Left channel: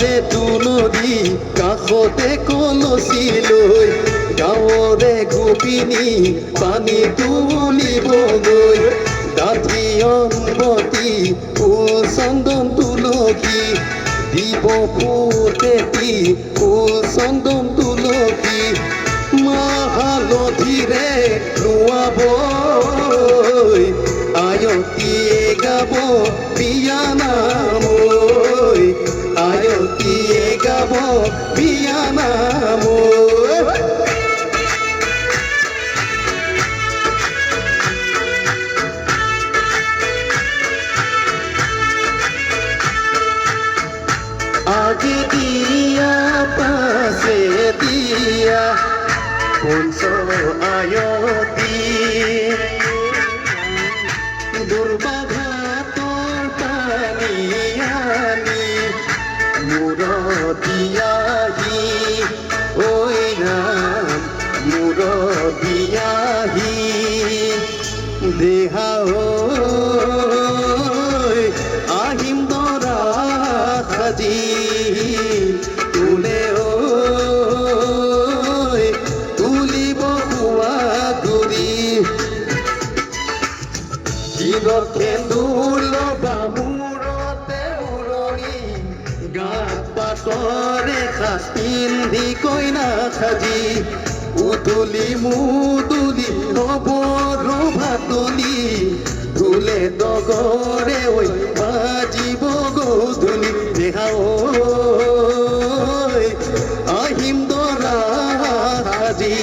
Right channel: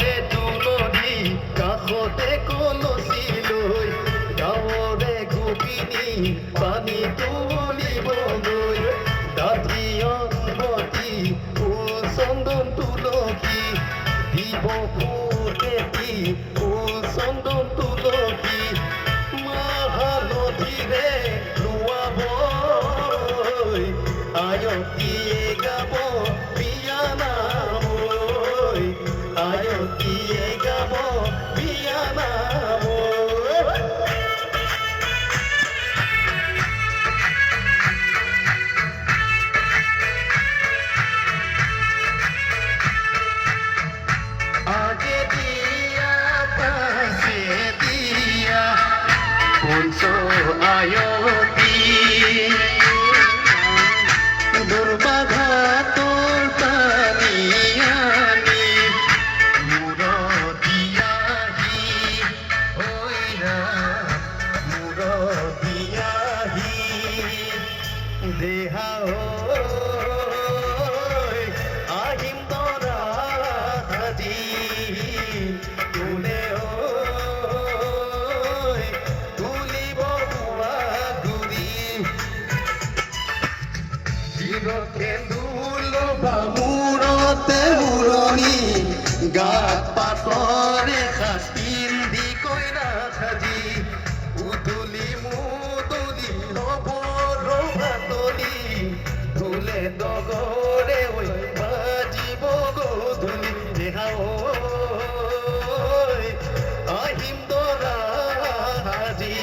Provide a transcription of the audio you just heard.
কাষতে তুলসী কাষতে কলচী লৈ গাঁৱৰে গোপিনী পানী তুলিবগৈ ডাঠি অম্বতী ফুল চন্দন তুলসী দিব ফুটেতি ফুল চন্দন তুলসী মাহালধিৰে লোৱাবৈ আয়তীয়ে গাব বিয়া নাম ঐ আয়তীয়ে গাব বিয়া নাম ঐ আগে দিয়া পাছে দিয়া পঞ্চ আয়তী দুৰ্বাঘাতৰ পানী আনি মূৰদিয়াহি ঐ ৰাম মূৰদিয়াহি দেহা আহিম দৰা সাজি তোলে তুলিব শোৱা গুৰি দিনত সেন্দুৰ বামূৰতে উৰণি গাত পাতৰে সাজ পিন্ধি কইনা সাজি উদুলি মুদুলি নৱৰ ভাতলি ঢোলে ডগৰে ঐ বাজিব গধূলি দেহা আহিম দৰা সাজি